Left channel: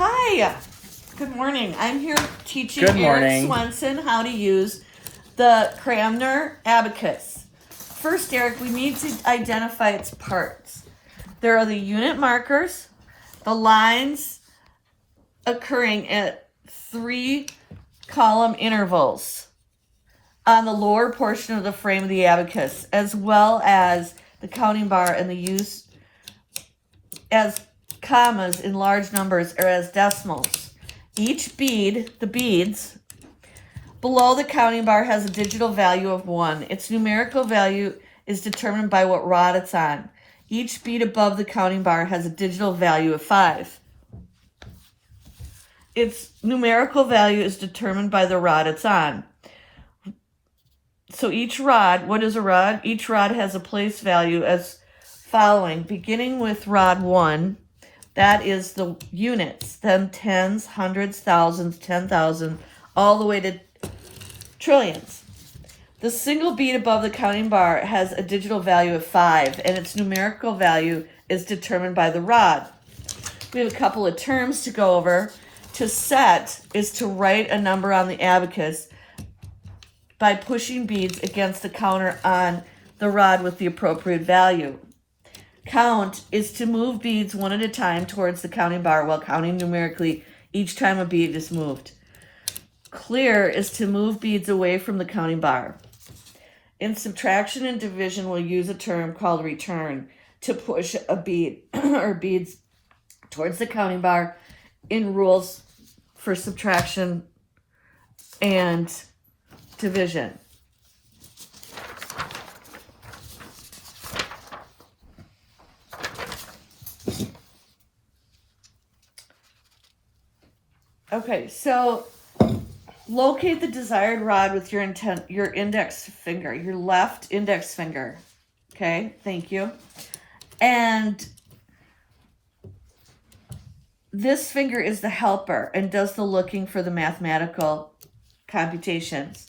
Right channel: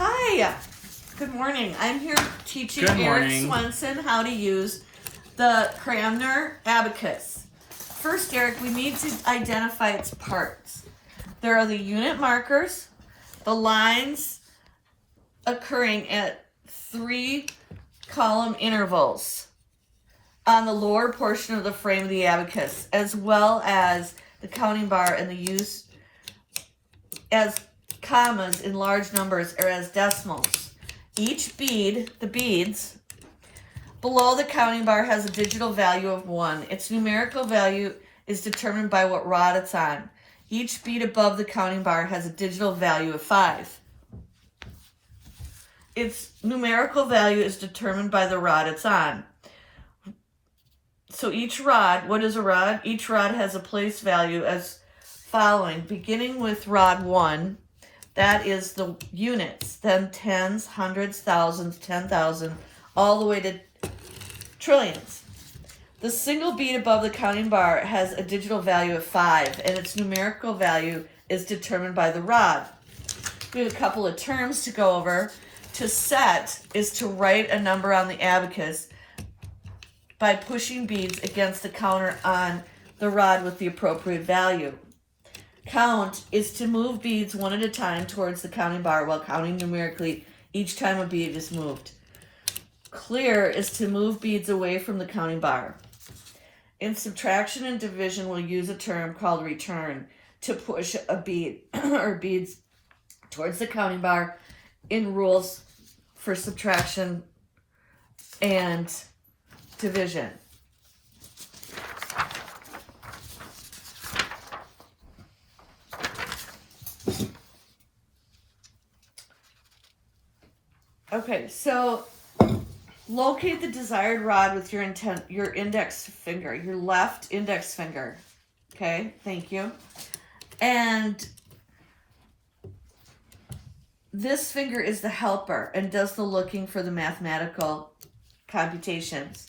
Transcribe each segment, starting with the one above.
Hi, good morning. I'm here teaching Good Eric morning. Swenson how to use the Cramner Abacus. First, Eric, we need to identify its parts. There are the unit markers, the lines occurring at 3 column intervals on the lower portion of the frame of the abacus, as well as the counting bar and the use as commas in large numbers or as decimals. Each bead, the beads, below the counting bar has a digital value of 1. Its numerical value is determined by what rod it's on. Each bead above the counting bar has a digital value of 5. Its numerical value is determined by the rod it's on. So each rod, what is a rod? Each rod has a place value as following, beginning with rod 1. That is the units, then tens, hundreds, thousands, 10,000, all the way to trillions. The single bead above the counting bar has a digital value of 5, and its numerical value is determined by the rod. We have a couple of terms to go over. To set is to write a number on the abacus by pushing beads against the counter on the rod with the appropriate value. Count is to move beads one at a time towards the counting bar while counting numerically each time a bead is moved. Clear is to move beads away from the counting bar. In subtraction and division, we'll use a term called return to push a bead or beads towards the counting bar in rules for subtraction and division. Okay, so locate the desired rod with your index finger, your left index finger. Okay, thank you. And this finger is the helper and does the looking for the mathematical computations.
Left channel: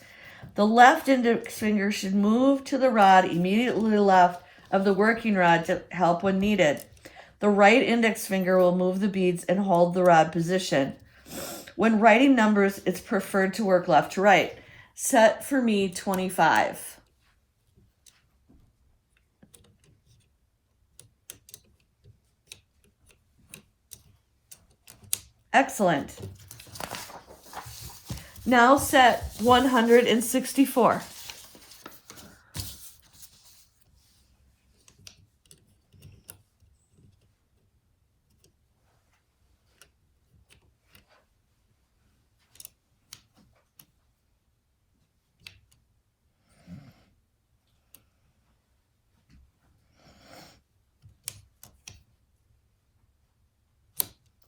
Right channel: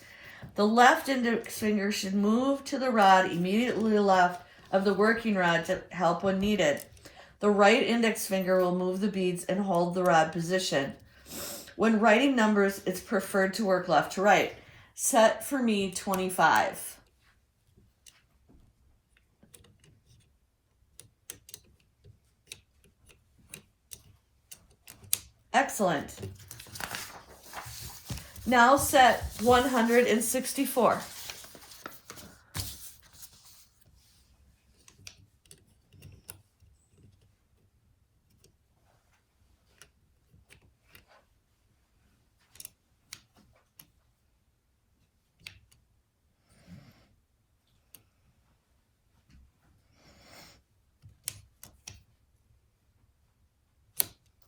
The left index finger should move to the rod immediately left of the working rod to help when needed. The right index finger will move the beads and hold the rod position. When writing numbers, it's preferred to work left to right. Set for me 25. Excellent. Now set 164.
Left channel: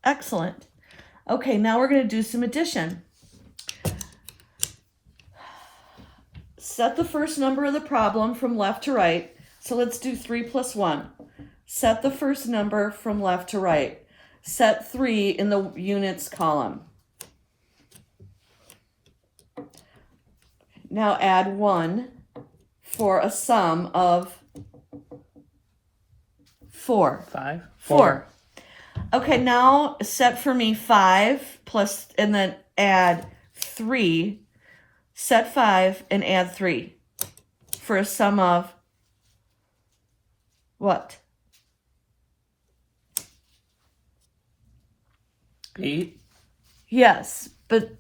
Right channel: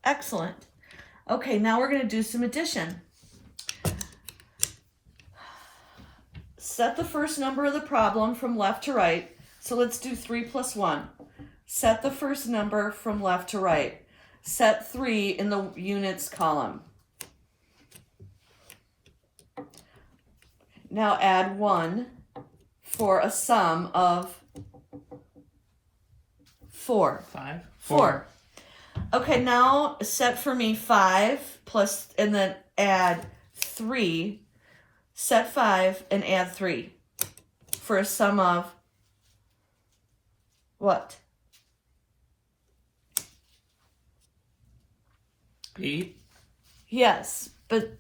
Excellent. Okay, now we're going to do some addition. Set the first number of the problem from left to right. So let's do 3 plus 1. Set the first number from left to right. Set 3 in the units column. Now add 1 for a sum of 4. 5? 4. Okay, now set for me 5 plus, and then add 3. Set 5 and add 3 for a sum of what? 8? Yes, but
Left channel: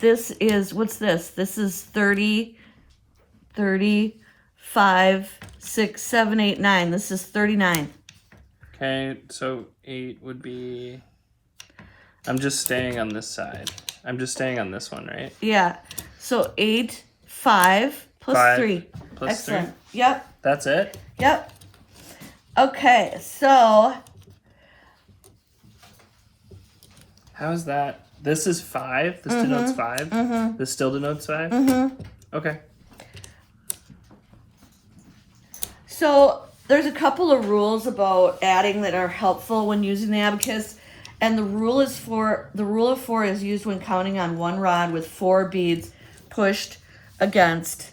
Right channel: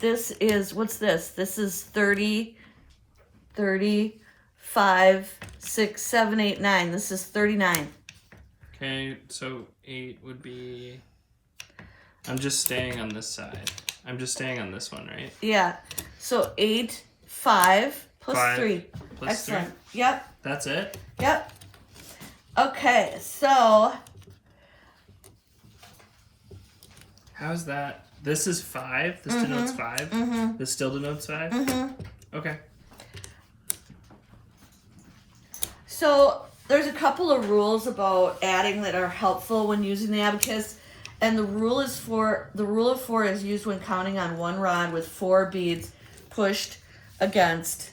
this is, what's this? This is 30, 5, 6, 7, 8, 9. This is 39. Okay, so 8 would be... I'm just staying on this side. I'm just staying on this one, right? Yeah. So 8, 5 plus 5 3. plus Excellent. 3? Yep. That's it? Yep. Okay, so How is that? This is 5? This denotes 5? This still denotes 5? Okay. So there's a couple of rules about adding that are helpful when using the abacus, and the rule of 4 is used when counting on one rod with 4 beads pushed against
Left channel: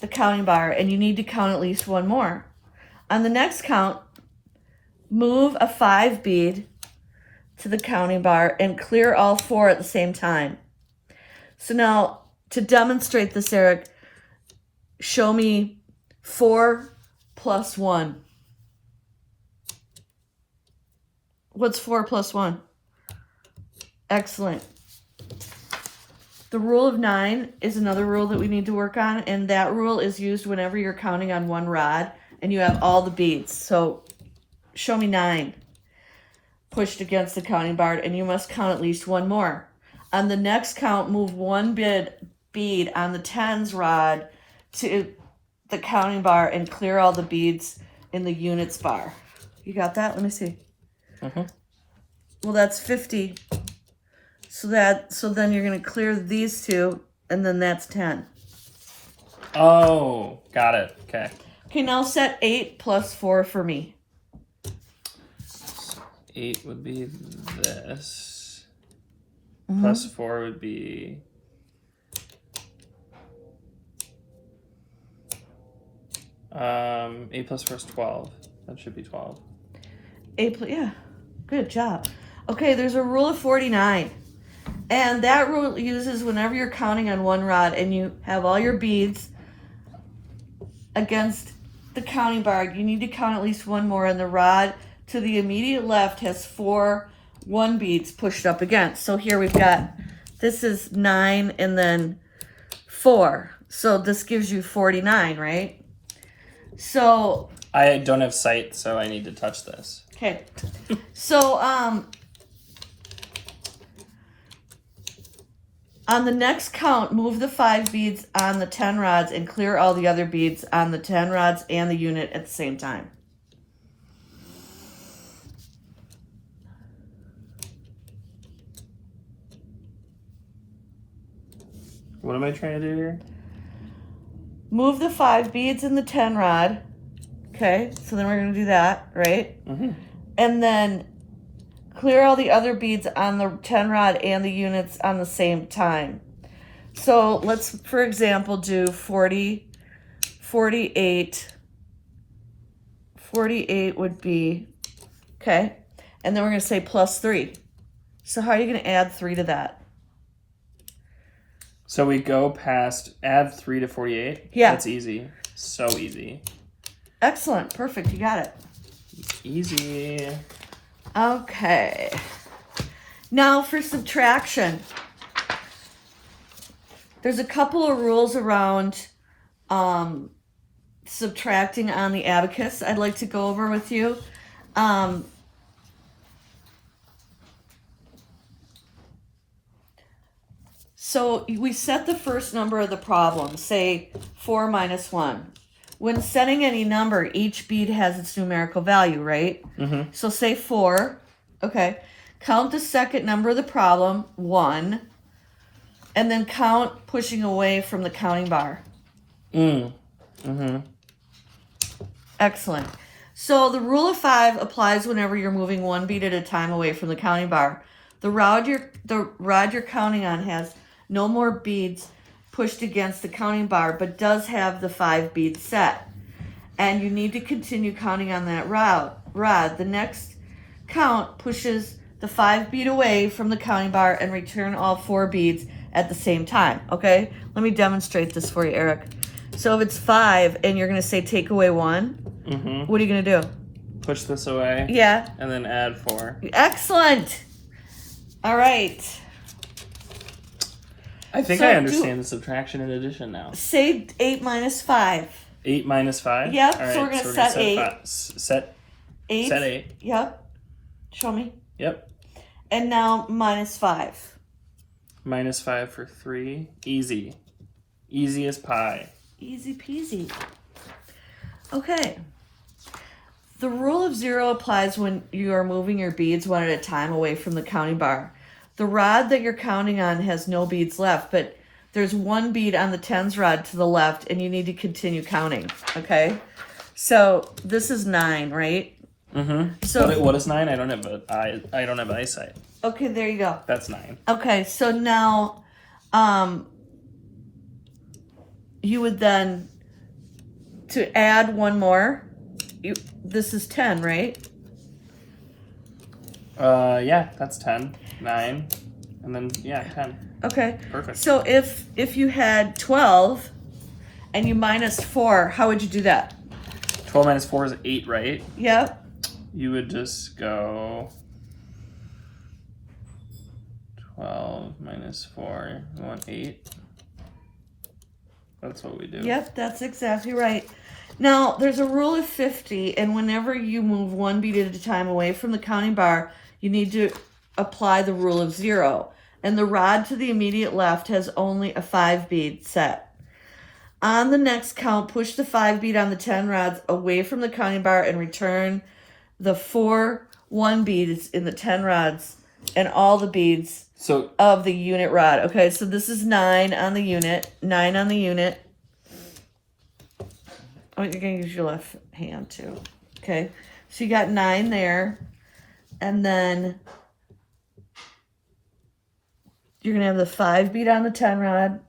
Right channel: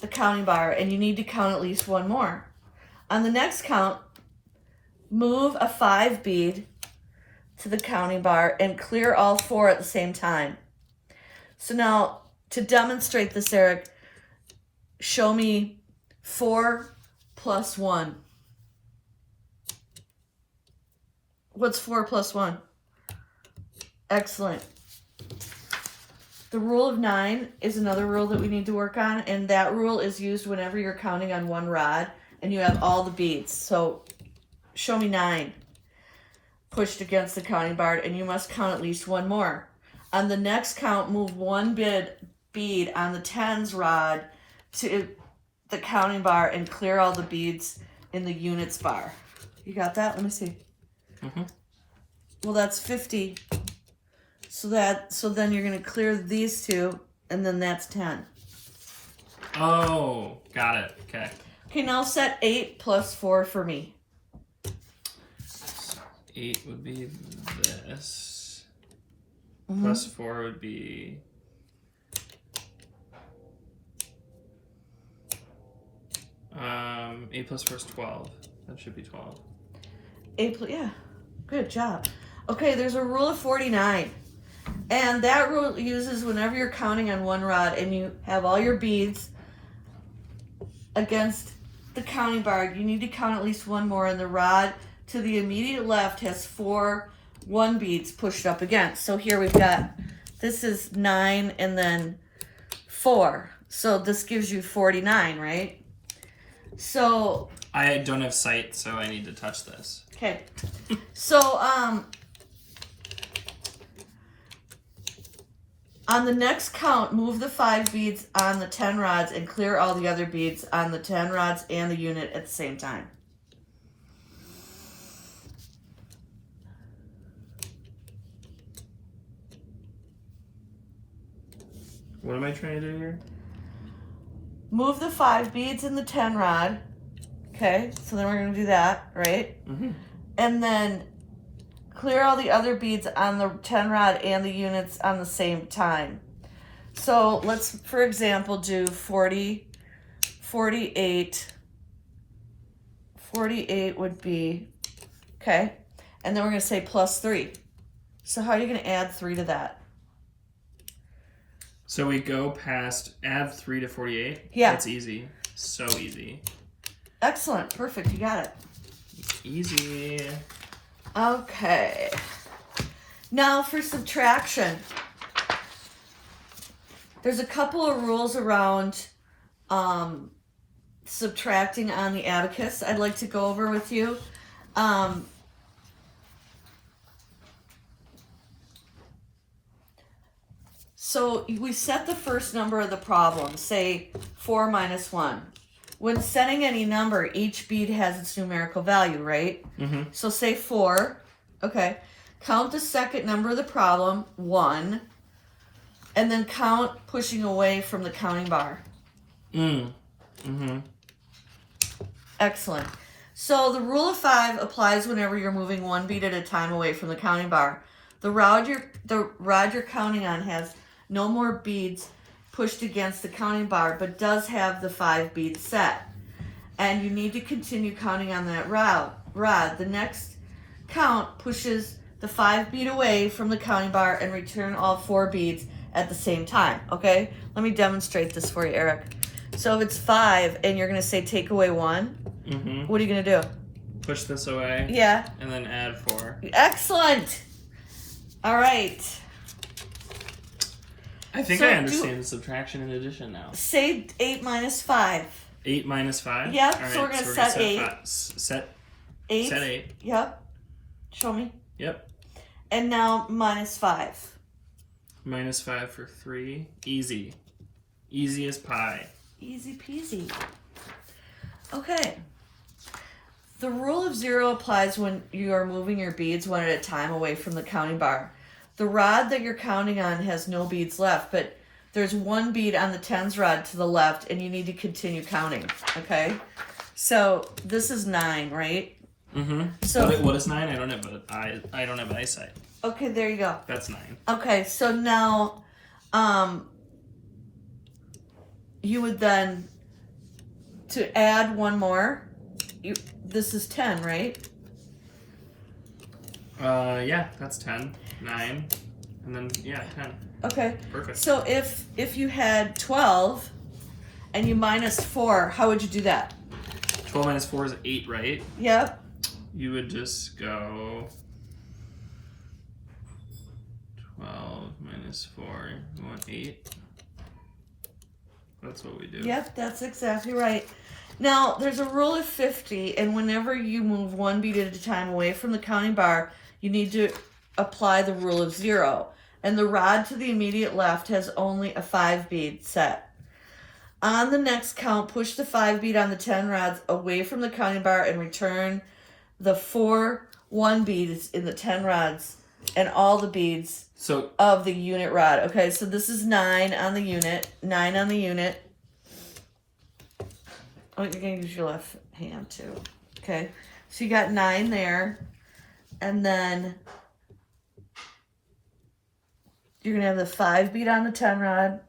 the counting bar, and you need to count at least one more. On the next count, move a 5 bead to the counting bar and clear all 4 at the same time. So now, to demonstrate this, Eric, show me 4 plus 1. What's 4 plus 1? Excellent. The rule of 9 is another rule that we need to work on, and that rule is used whenever you're counting on one rod and you have all the beads. So show me 9 pushed against the counting bar, and you must count at least one more. On the next count, move 1 bead on the tens rod to the counting bar and clear all the beads in the units bar. You got that? Let me see. Well, that's 50. So then you're going to clear these 2, and then that's 10. Oh, got it. Okay. Okay, now set 8 plus 4 for me. 8 would be this. Plus 4 would be... 8 plus 4 is 12. That should be 12. 8 plus, yeah. Good job. Okay, there's a rule of 49. And that rule uses whenever you're counting on one rod and you have all your beads against the counting bar, you need to count at least one more, and the rod to the immediate left has 4 1 beads pushed up against. So here we've got, this is 9 and then 4. So this gives you 49, right? So I don't have sight, so I need to touch this. okay. So on the next count, move the 5 beads on the 10 rods and clear all the other beads on the 10 rods and the unit at the same time. What am I trying to do here? Move the 5 beads in the 10 rod. Okay, so then we're going to do that, right? And then clear all the other beads on the 10 rod and the units on the same time. So let's, for example, do 40, 48. 48 would be, okay, and then we're going to say plus 3. So how are you going to add 3 to that? So we go past, add 3 to 48? Yeah. That's easy. So easy. Excellent. Perfect. You got it. Easy. Okay. Now for subtraction. There's a couple of rules around subtracting on the abacus I'd like to go over with you. So we set the first number of the problem, say 4 minus 1. When setting any number, each bead has its numerical value, right? So say 4, okay. Count the second number of the problem, 1, and then count pushing away from the counting bar. Excellent. So the rule of 5 applies whenever you're moving 1 bead at a time away from the counting bar. The rod you're counting on has no more beads pushed against the counting bar, but does have the 5 beads set. And you need to continue counting on that rod. The next count pushes the 5 bead away from the counting bar and return all 4 beads at the same time, okay? Let me demonstrate this for you, Eric. So if it's 5 and you're going to say take away 1, what are you going to do? Push this away. Yeah. And then add 4. Excellent. All right. I think I understand the subtraction and addition now. Say 8 minus 5. 8 minus 5? Yep, All right, so we're going to set 8. Set 8? Set 8. Yep. Show me. Yep. And now minus 5. Minus 5 for 3. Easy. Easy as pie. Easy peasy. Okay. The rule of 0 applies when you are moving your beads one at a time away from the counting bar. The rod that you're counting on has no beads left, but there's 1 bead on the tens rod to the left, and you need to continue counting, okay? So this is 9, right? So wait, what is 9? I don't have eyesight. Okay, there you go. That's 9. Okay, so now you would then, to add 1 more, this is 10, right? Yeah, that's 10. 9. And then, yeah, 10. Okay. Perfect. So if you had 12 and you minus 4, how would you do that? 12 minus 4 is 8, right? Yep. You would just go 12 minus 4. You want 8? That's what we do. Yep, that's exactly right. Now, there's a rule of 50, and whenever you move one bead at a time away from the counting bar, you need to apply the rule of 0. And the rod to the immediate left has only a 5 bead set. On the next count, push the 5 bead on the 10 rods away from the counting bar and return the 4 1 beads in the 10 rods and all the beads of the unit rod. Okay, so this is 9 on the unit. 9 on the unit. Oh, you're going to use your left hand too. Okay, so you got 9 there. And then you're going to have the 5 bead on the 10 rod.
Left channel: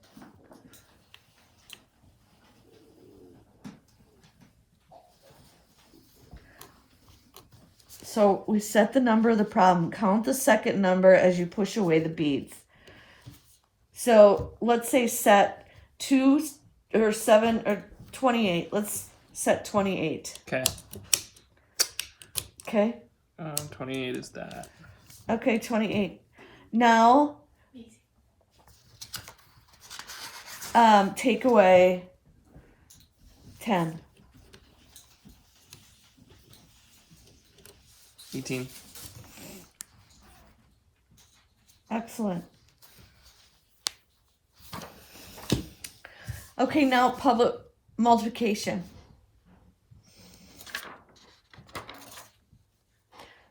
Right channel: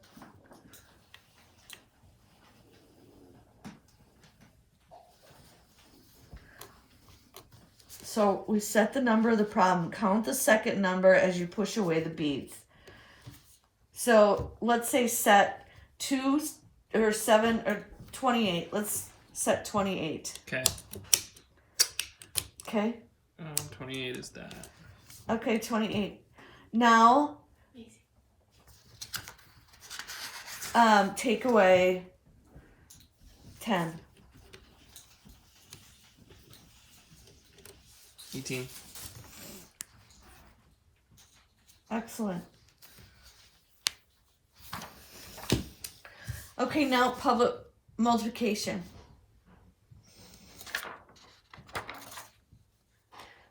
So we set the number of the problem. Count the second number as you push away the beads. So let's say set 2 or 7 or 28. Let's set 28. Okay. Okay. 28 is that. Okay, 28. Now, take away 10. 18. Excellent. Okay, now public multiplication.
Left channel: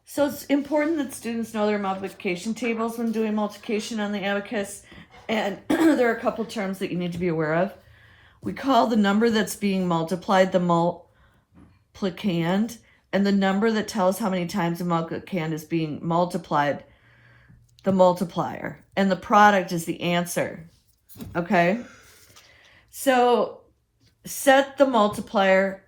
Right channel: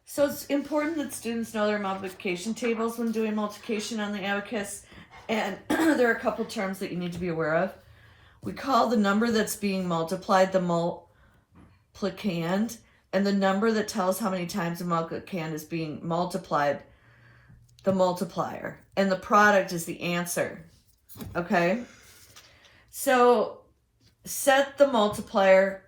So it's important that students know their multiplication tables when doing multiplication on the Abacus, and there are a couple terms that you need to be aware of. We call the number that's being multiplied the multiplicand, and the number that tells how many times the multiplicand is being multiplied, the multiplier, and the product is the answer. Okay? So set the multiplier.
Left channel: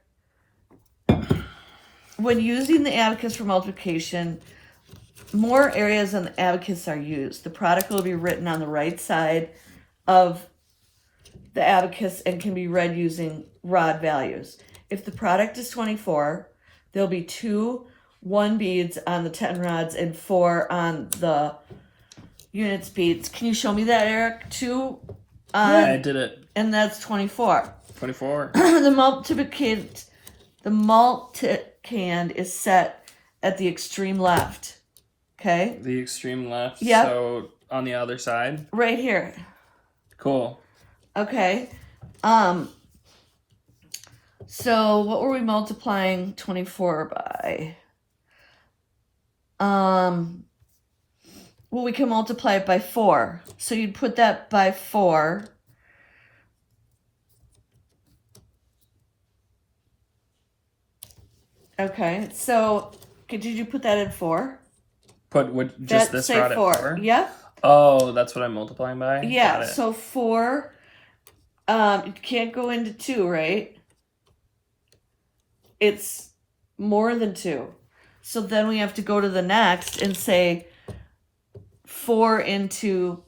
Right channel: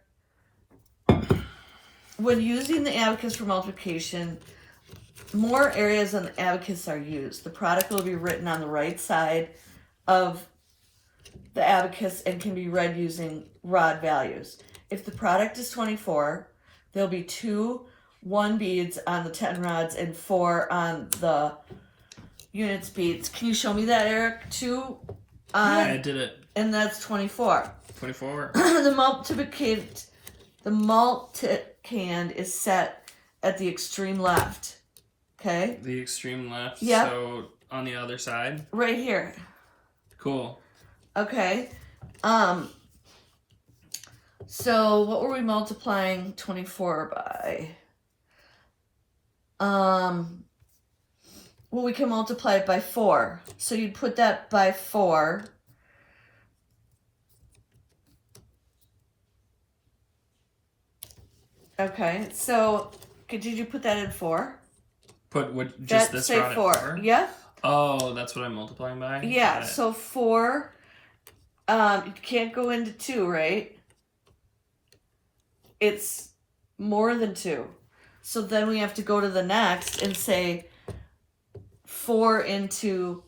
When using the Abacus for multiplication, more areas on the Abacus are used. The product will be written on the right side of the Abacus and can be read using rod values. If the product is 24, there'll be 2 1 beads on the 10 rods and 4 on the units beads. Can you show me that, Eric? 2 yeah, I did it. And that's 24. 24. The multiplicand is set at the extreme left. Okay? The extreme left. Yep. So on the other side. Right here. Cool. Okay. So what were we multiplying 24 by? Well, we can multiply it by 4. So you'd put that by 4. Okay, so did you put that in 4? Put just this rod at 4? Yeah. Oh, that's what I'm multiplying by? Yeah, so 4, you can't go into 2, right? It's more than 2. So then we have to go to the next and say 4 into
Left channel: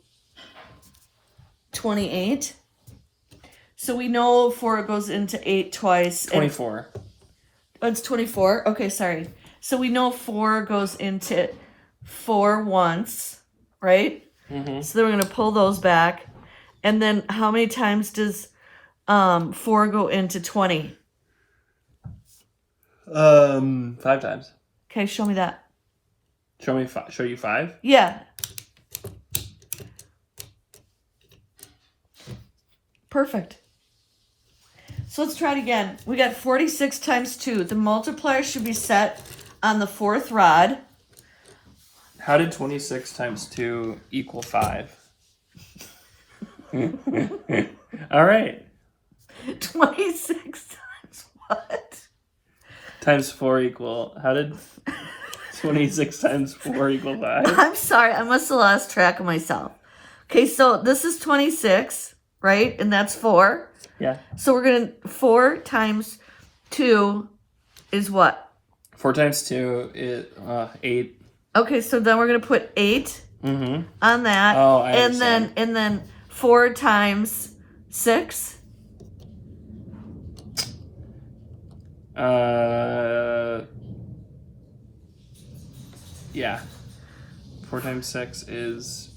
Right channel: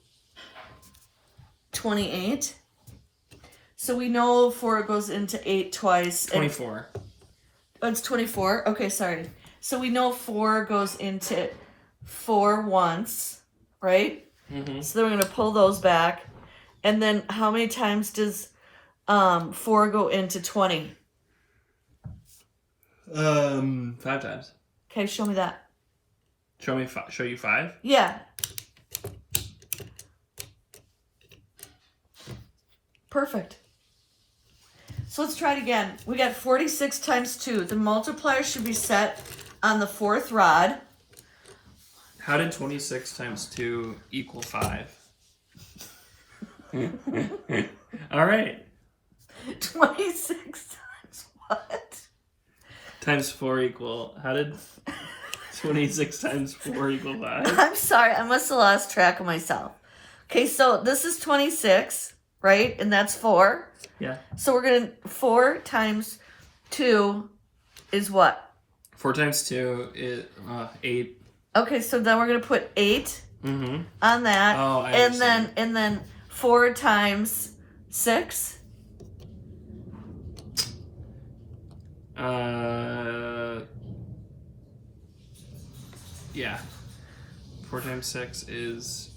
28. So we know 4 goes into 8 twice. 24. It's 24. Okay, sorry. So we know 4 goes into 4 once, right? Mm-hmm. So then we're going to pull those back. And then how many times does 4 go into 20? 5 times. Okay, show me that. Show you 5? Yeah. Perfect. So let's try it again. We got 46 times 2. The multiplier should be set on the 4th rod. How did 26 times 2 equal 5? All right. 26 times what? Times 4 equal. How did 26 times 4 equal 5? I'm sorry. I must have lost track of myself. Okay, so this is 26, right? And that's 4. Yeah. So we're going to 4 times 2 is what? 4 times 2 is 8. Okay, so then we're going to put 8 on that. Oh, I understand. And then 4 times 6. Yeah. 4 times 6 is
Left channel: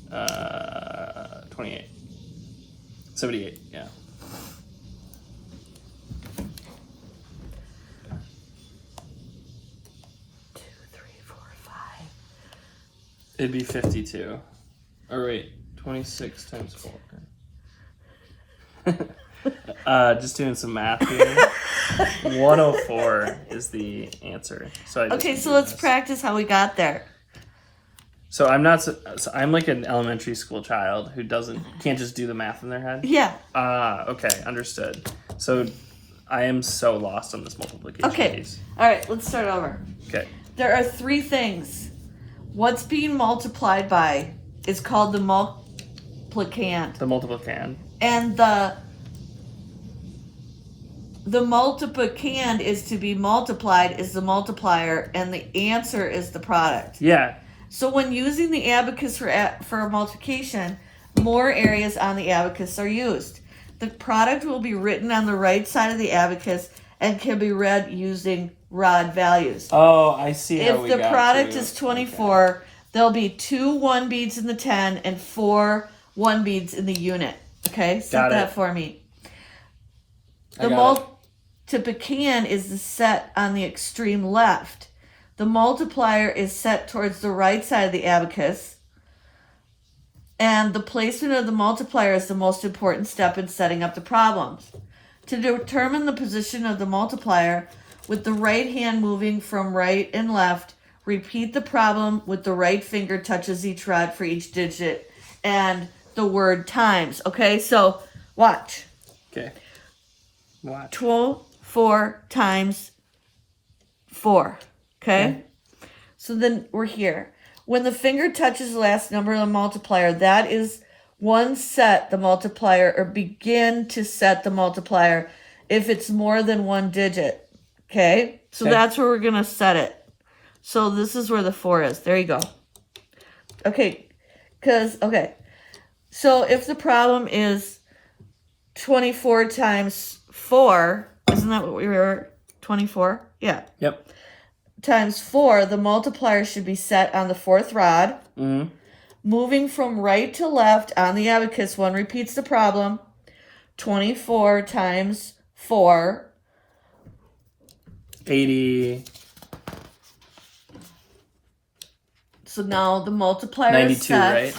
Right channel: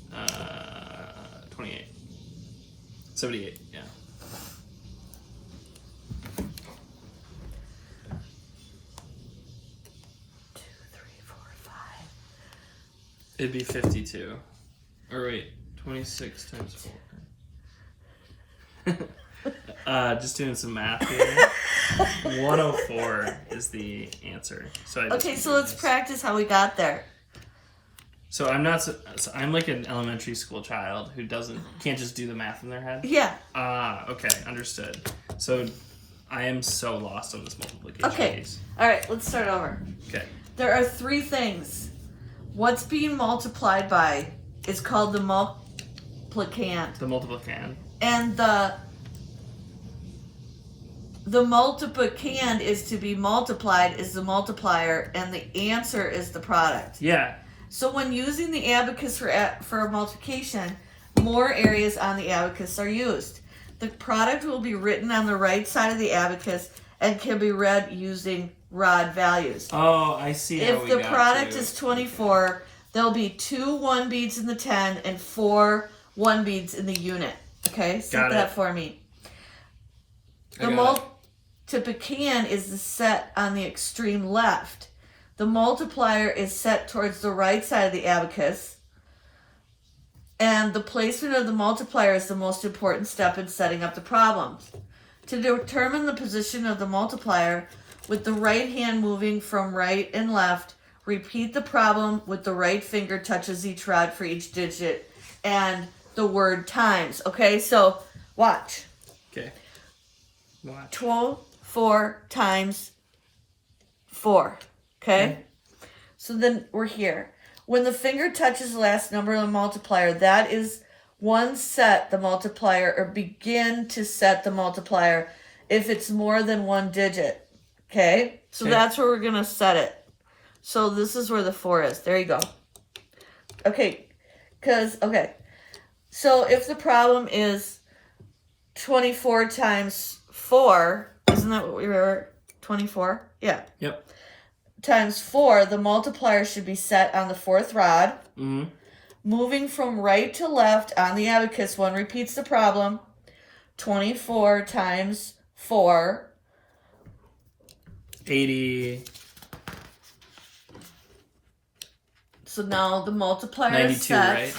28. 78, yeah. It'd be 52. Or wait, 26 times 4. Just doing some math here. 104 is the answer. So So let's practice how we got there. So I'm like an elementary school child who can't just do the math in their head. Yeah. Okay, understood. So I am so lost on this multiplication. Okay. All right, let's start over. Okay. There are 3 things. What's being multiplied by is called the multiplicand. The multiplicand. And the multiplicand is to be multiplied is the multiplier, and the answer is the product. Yeah. So when using the abacus for multiplication, more areas on the abacus are used. The product will be written on the right side of the abacus and can be read using rod values. Oh, I see how If we the got product to. is 24, there'll be 2 1 beads in the 10 and 4 1 beads in the unit. Okay, set that for me. The multiplicand is the set on the extreme left. The multiplier is set towards the right side of the abacus. And the placement of the multiplier is the most important step in setting up the problems. To determine the position of the multiplier, with the right hand moving from right and left, repeat the problem with the right finger touches each rod for each digit and the word times. Okay, so watch. Okay. Watch. 24 times 4. Okay? So then we're here. When the finger touches the last number of the multiplier, that is one set the multiplier, or begin to set the multiplier if it's more than 1 digit. Okay? So that's where we're going to set it. So this is where the 4 is. There you go. Okay. So if the problem is 24 times 4, isn't that what we were? 24? Yeah. Yep. Times 4, the multiplier should be set on the 4th rod. Moving from right to left on the abacus, one repeats the problem. 24 times 4. 80. So now the multiplier is set. 92, right?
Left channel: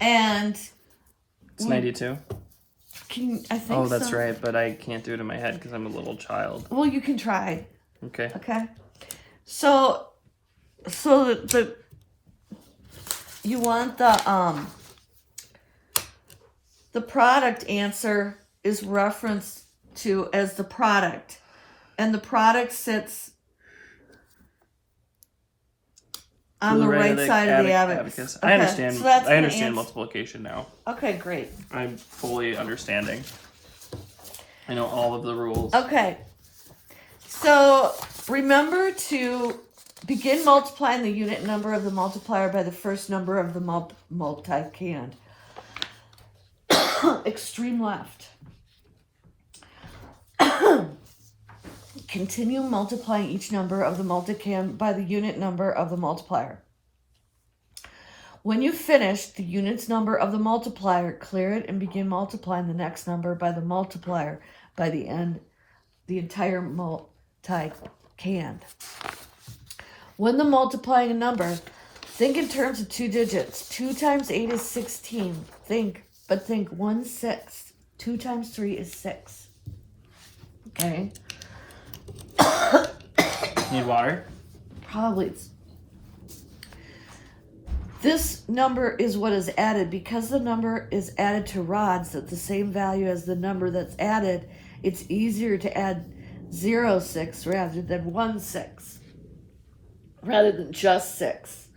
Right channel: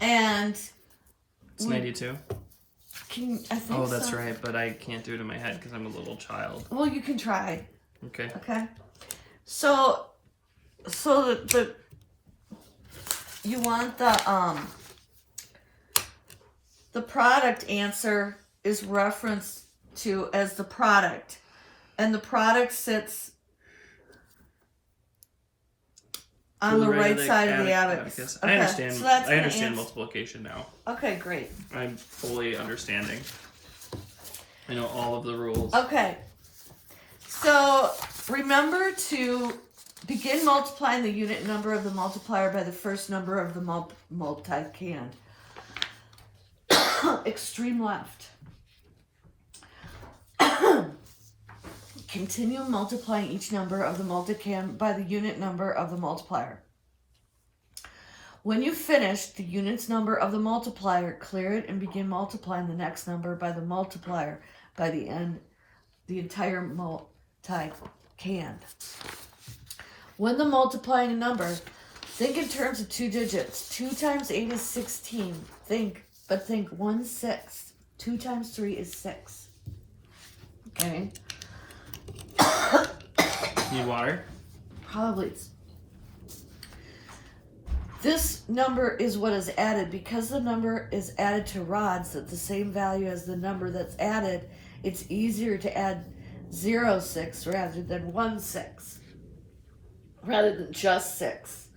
And it's 92. I think Oh, that's right, but I can't do it in my head because I'm a little child. Well, you can try. Okay. Okay. So you want the product answer is referenced to as the product, and the product sits on the right side of the abacus. I understand. So that's I understand multiplication now. Okay, great. I'm fully understanding. I know all of the rules. Okay. So remember to begin multiplying the unit number of the multiplier by the first number of the multiplicand. Extreme left. Continue multiplying each number of the multiplicand by the unit number of the multiplier. When you finish the unit's number of the multiplier, clear it and begin multiplying the next number by the multiplier by the end, the entire multiplicand. When the multiplying a number, think in terms of 2 digits. 2 times 8 is 16. Think 1/6. 2 times 3 is 6. Okay. Need water? Probably. This number is what is added. Because the number is added to rods at the same value as the number that's added, it's easier to add 0/6 rather than 1/6. Rather than just 6.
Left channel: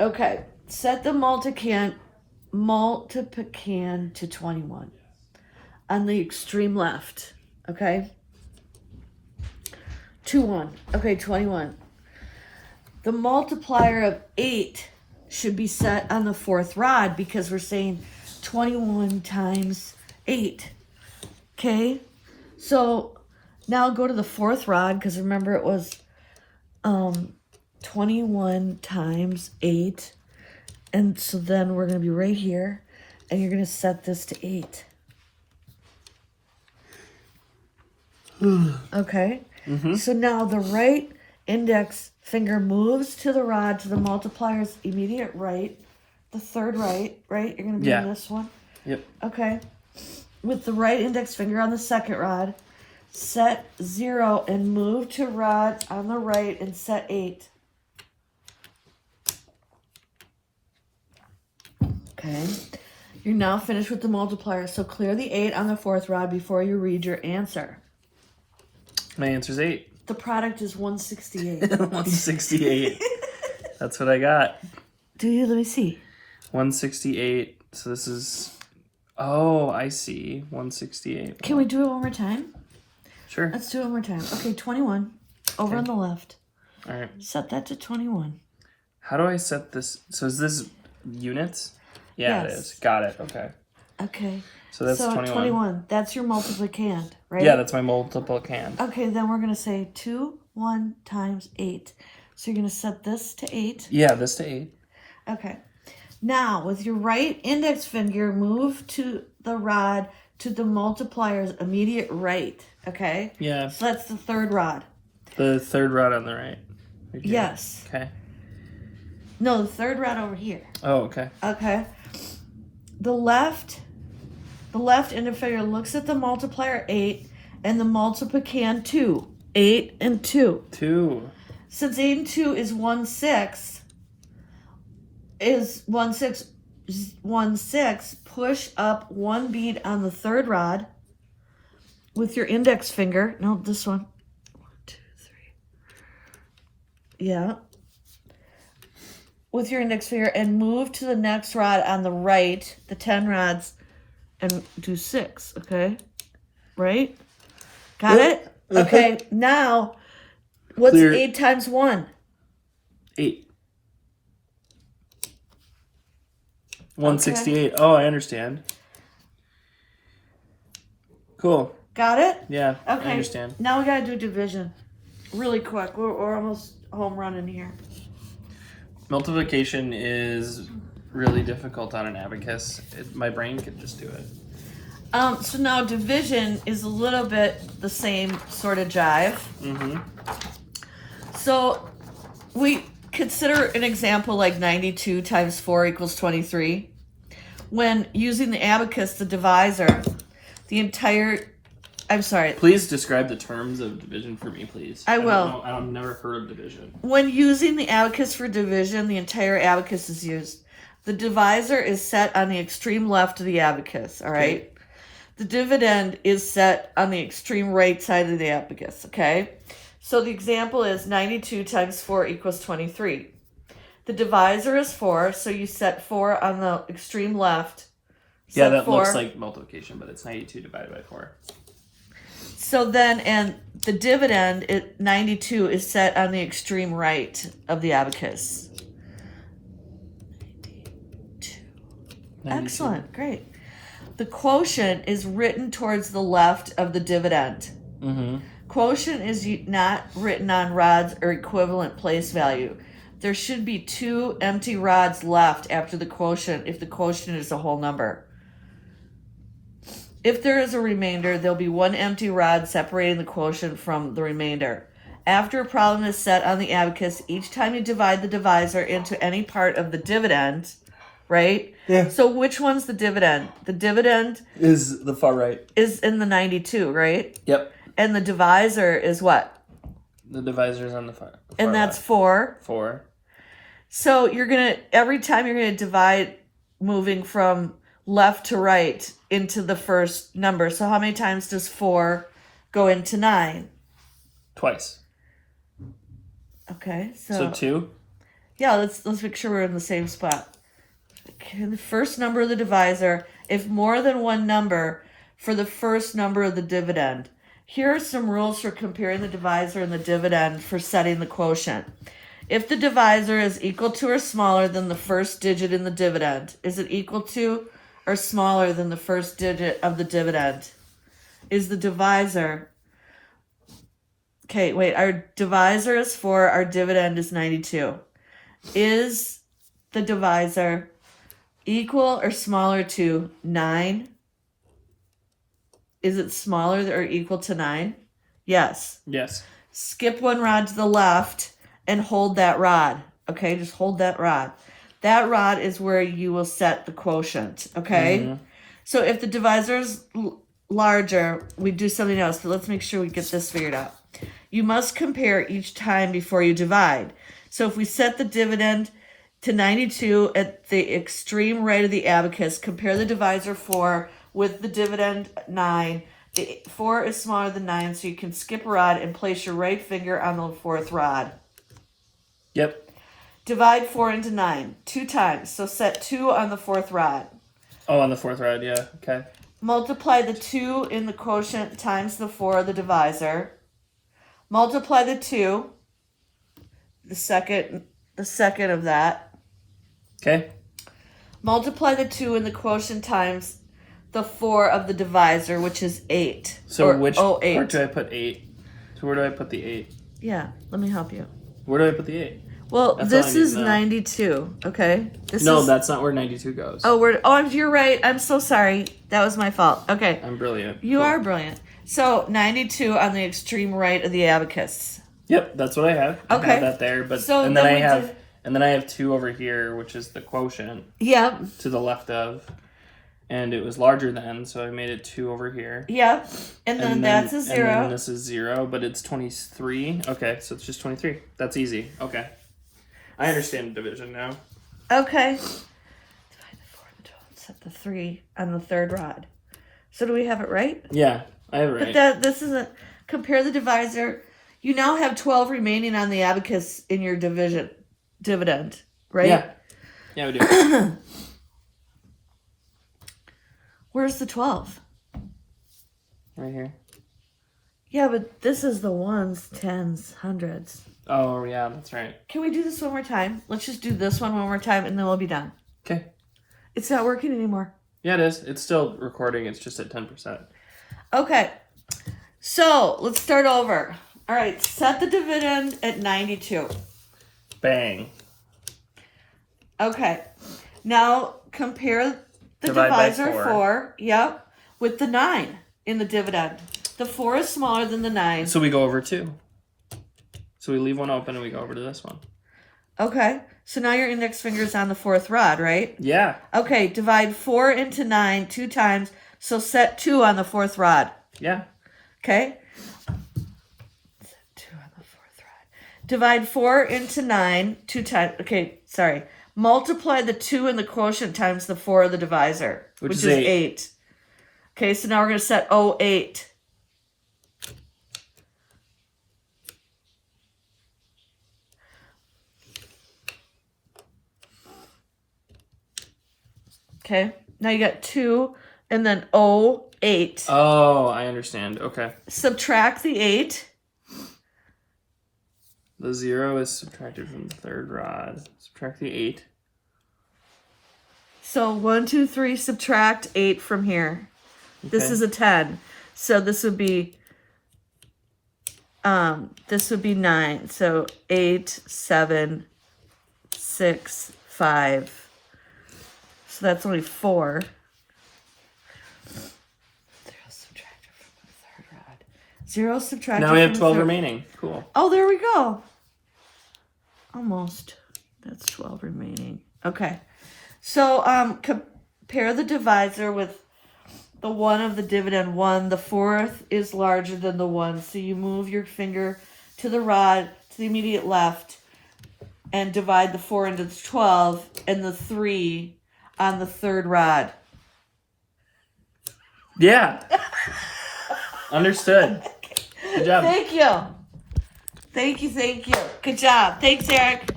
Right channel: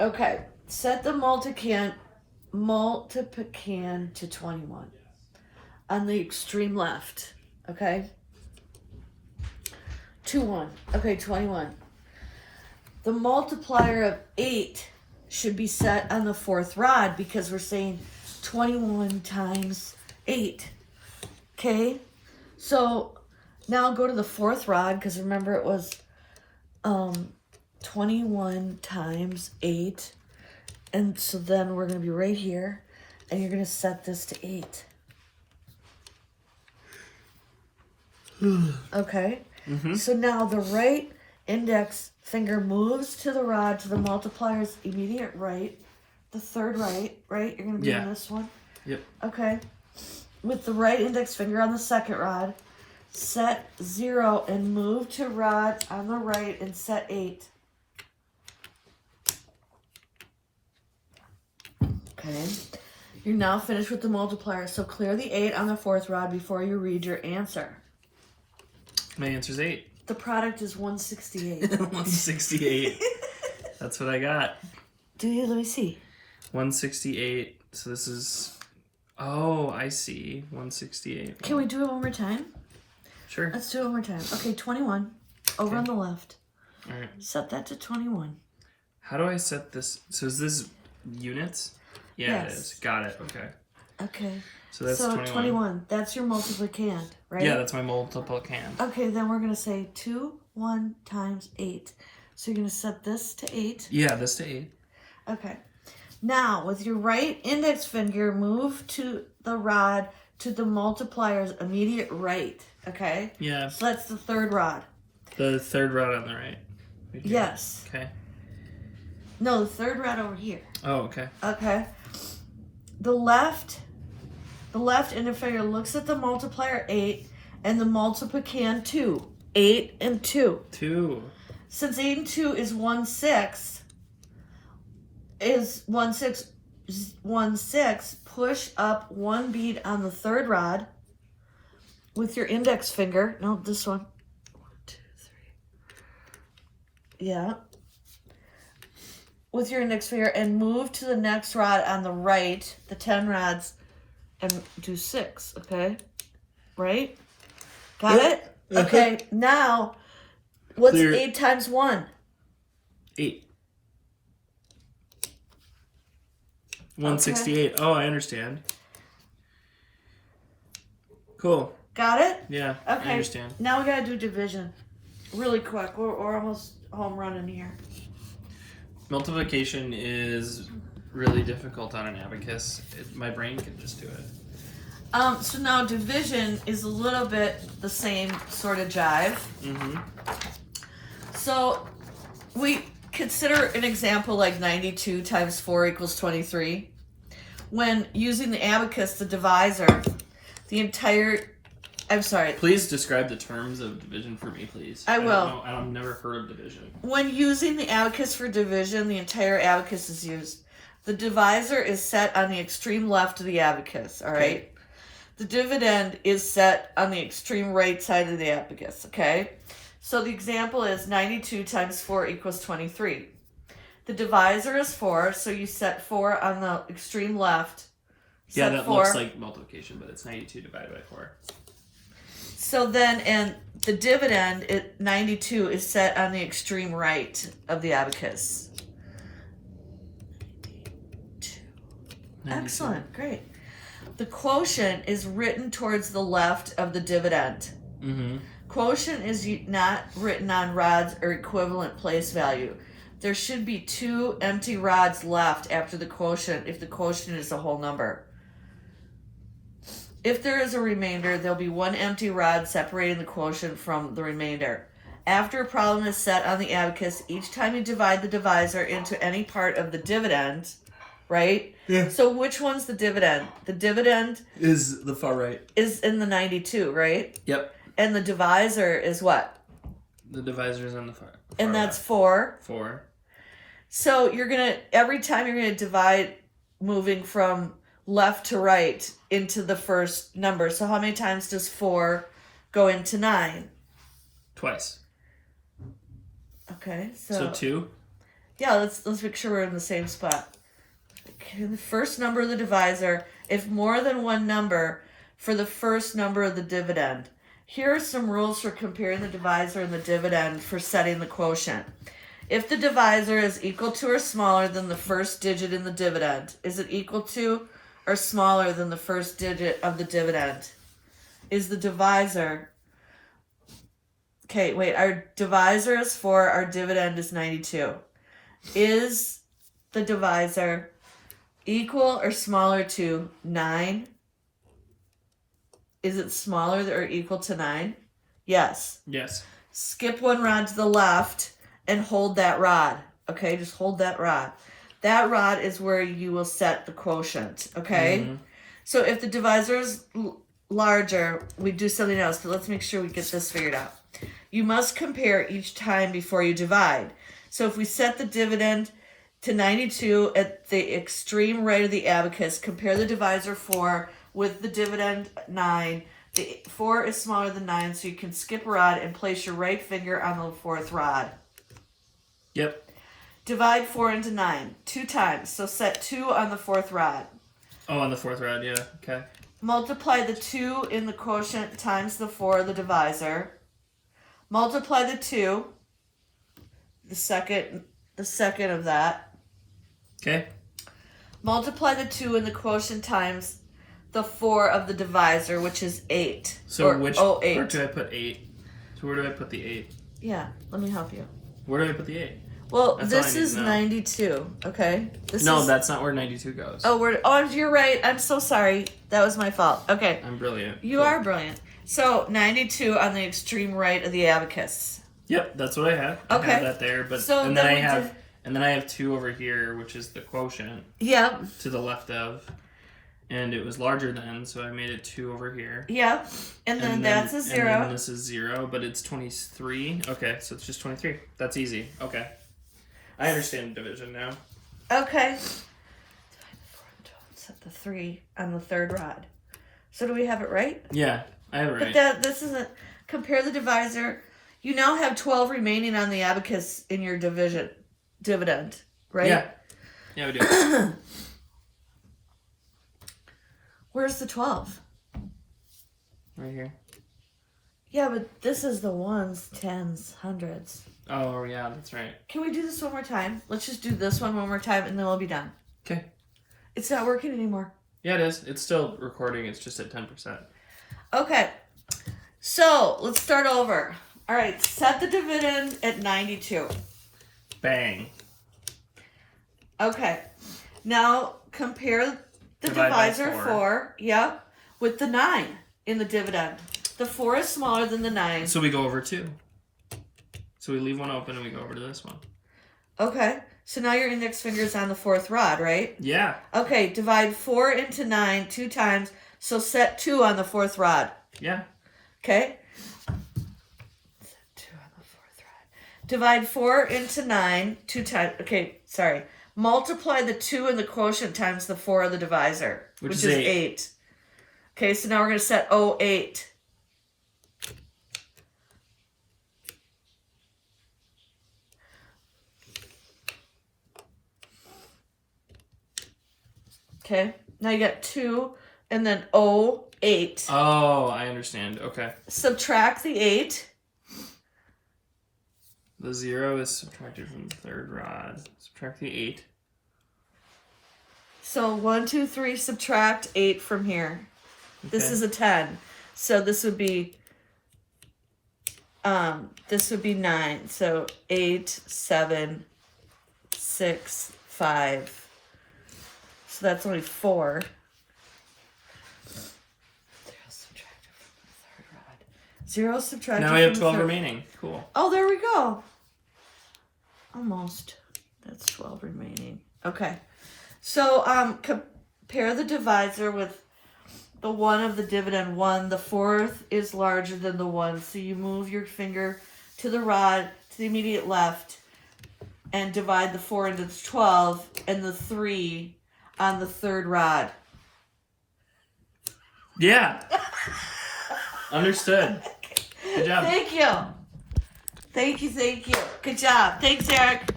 Okay. Set the multiplicand to 21 on the extreme left. Okay. 2, 1. Okay, 21. The multiplier of 8 should be set on the 4th rod because we're saying 21 times 8. Okay? So now go to the 4th rod because remember it was 21 times 8. And so then we're going to be right here and you're going to set this to 8. Okay? So now the right index finger moves to the rod to the multiplier's immediate right, the 3rd right? You're going to be on this one? Yep. Okay. With the right index finger on the 2nd rod, set 0 and move to rod on the right and set 8. Okay. You're now finished with the multiplier, so clear the 8 on the 4th rod before you read your answer. My answer's 8. The product is 168. 168. That's what I got. Do you? Let me see. 168. So this is... Oh, I see. 168. Can we do it one more time? Sure. Let's do it one more time. Okay, 21. Over on the left. All right. Set that to 21. How do I set this? So is this units? Yeah, Yes. it is. Got it. Okay. Okay. So that's 21. 21. That's your multiplicand, right? Yeah, that's my multiplicand. Okay, then we're going to say 2, 1 times 8. So you're going to set this to 8. Yeah, this to 8. Okay. Now, with your right index finger, move to the rod to the multiplier's immediate right. Okay? Yeah. So that's the 3rd rod. The 3rd rod on the right. Right here. Yes. Okay. No, the 3rd rod over here. Oh, okay. Okay. The left index finger looks at the multiplier 8 and the multiplicand 2. 8 and 2. 2. Since 8 and 2 is 1/6, push up 1 bead on the 3rd rod with your index finger. No, this one. 1, 2, 3. Yeah. With your index finger and move to the next rod on the right, the 10 rods, and do 6, okay? Right? Got it? Okay, now, what's Clear. 8 times 1? 8. 168. Oh, I understand. Cool. Got it? Yeah, Okay. I understand. Now we gotta do division. Really quick. We're almost home running here. Multiplication is really difficult on an abacus. My brain could just do it. So now division is a little bit the same sort of jive. Mm-hmm. So we consider an example like 92 times 4 equals 23. When using the abacus, the divisor, Please describe the terms of division for me, please. I will. don't know. I've never heard of division. When using the abacus for division, the entire abacus is used. The divisor is set on the extreme left of the abacus, all right? Okay. The dividend is set on the extreme right side of the abacus, okay? So the example is 92 times 4 equals 23. The divisor is 4, so you set 4 on the extreme left. Yeah, Set that 4. looks like multiplication, but it's 92 divided by 4. So then, and the dividend, 92, is set on the extreme right of the abacus. 92. Excellent, great. The quotient is written towards the left of the dividend. Mm-hmm. Quotient is not written on rods or equivalent place value. There should be 2 empty rods left after the quotient if the quotient is a whole number. If there is a remainder, there'll be 1 empty rod separating the quotient from the remainder. After a problem is set on the abacus, each time you divide the divisor into any part of the dividend, right? Yeah. So which one's the dividend? The dividend Is the far right. is in the 92, right? Yep. And the divisor is what? The divisor is on the far And that's left. 4. 4. So every time you're gonna divide moving from left to right into the first number. So how many times does 4 go into 9? Twice. Okay, So 2? Yeah, let's make sure we're in the same spot. Okay, the first number of the divisor, if more than one number for the first number of the dividend. Here are some rules for comparing the divisor and the dividend for setting the quotient. If the divisor is equal to or smaller than the first digit in the dividend, is it equal to or smaller than the first digit of the dividend? Is the divisor... Okay, wait, our divisor is 4, our dividend is 92. Is the divisor equal or smaller to 9? Is it smaller or equal to 9? Yes. Yes. Skip one rod to the left and hold that rod. Okay, just hold that rod. That rod is where you will set the quotient. Okay? Mm-hmm. So if the divisor is larger, we do something else, but let's make sure we get this figured out. You must compare each time before you divide. So if we set the dividend to 92 at the extreme right of the abacus, compare the divisor 4 with the dividend 9. The 4 is smaller than 9, so you can skip a rod and place your right finger on the 4th rod. Yep. Divide 4 into 9 2 times, so set 2 on the 4th rod. Oh, on the 4th rod, yeah. Okay. Multiply the 2 in the quotient times the 4 of the divisor. Multiply the 2, the second of that. Okay. Multiply the 2 in the quotient times the 4 of the divisor, which is 8. So which 8. part do I put 8? So where do I put the 8? Yeah, let me help you. Where do I put the 8? Well, That's this is 92, okay? That's not where 92 goes. Oh, you're right. I'm so sorry. That was my fault. Okay. I'm brilliant. You are brilliant. So, 92 on the extreme right of the abacus. Yep, that's what I have. Okay. I have that there, but So and then then I have 2 over here, which is the quotient Yep. to the left of. And it was larger then, so I made it 2 over here. Yep. And then that's a 0. And then this is 0, but it's 23. Okay, so it's just 23. That's easy. Okay. I understand division now. Okay. Set the 3 on the 3rd rod. So do we have it right? Yeah, I have it right. But this isn't... Compare the divisor. You now have 12 remaining on the abacus in your dividend, right? Yeah. Yeah, we do. Where's the 12? Right here. Yeah, but this is the ones, tens, hundreds. Oh, yeah, that's right. Can we do this one more time? Let's just do this one more time and then we'll be done. Okay. It's not working anymore. Yeah, it is. It's still recording. It's just at 10%. Okay. So, let's start over. All right, set the dividend at 92. Bang. Okay. Now, compare the Divide by divisor 4, yep, with the 9 in the dividend. The 4 is smaller than the 9. So we go over 2. So we leave one open and we go over to this one. Okay. So now your index finger is on the 4th rod, right? Yeah. Okay, divide 4 into 9 2 times. So set 2 on the 4th rod. Yeah. Okay? Set 2 on the 4th rod. Divide 4 into 9 2 times. Okay, sorry. Multiply the 2 in the quotient times the 4 of the divisor, which is 8. Okay, so now we're going to set 08. Okay, now you got 2 and then 08. Oh, I understand. Okay. Subtract the 8. The 0 is subtracted from the 3rd rod. Subtract the 8. So 1, 2, 3, subtract 8 from here. Okay. This is a 10. So this would be 9. So 8, 7, 6, 5. So that's only 4. 0 subtracted Now we have from 12 the third. remaining. Cool. Oh, there we go. Almost. That's 12 remaining. Okay. So compare the divisor with the 1 of the dividend 1. The 4th is larger than the 1. So you move your finger to the rod, to the immediate left, and divide the 4 into the 12 and the 3 on the 3rd rod. Yeah. Understood. Good job. Thank you. Thank you, thank you. Good job. Thanks, Eric.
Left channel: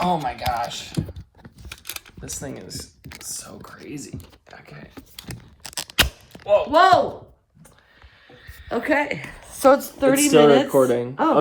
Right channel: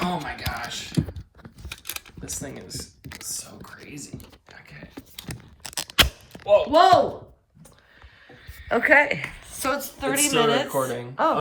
Oh my gosh. This thing is so crazy. Okay. Whoa. Whoa! Okay, so it's 30 It's still minutes. recording. Oh.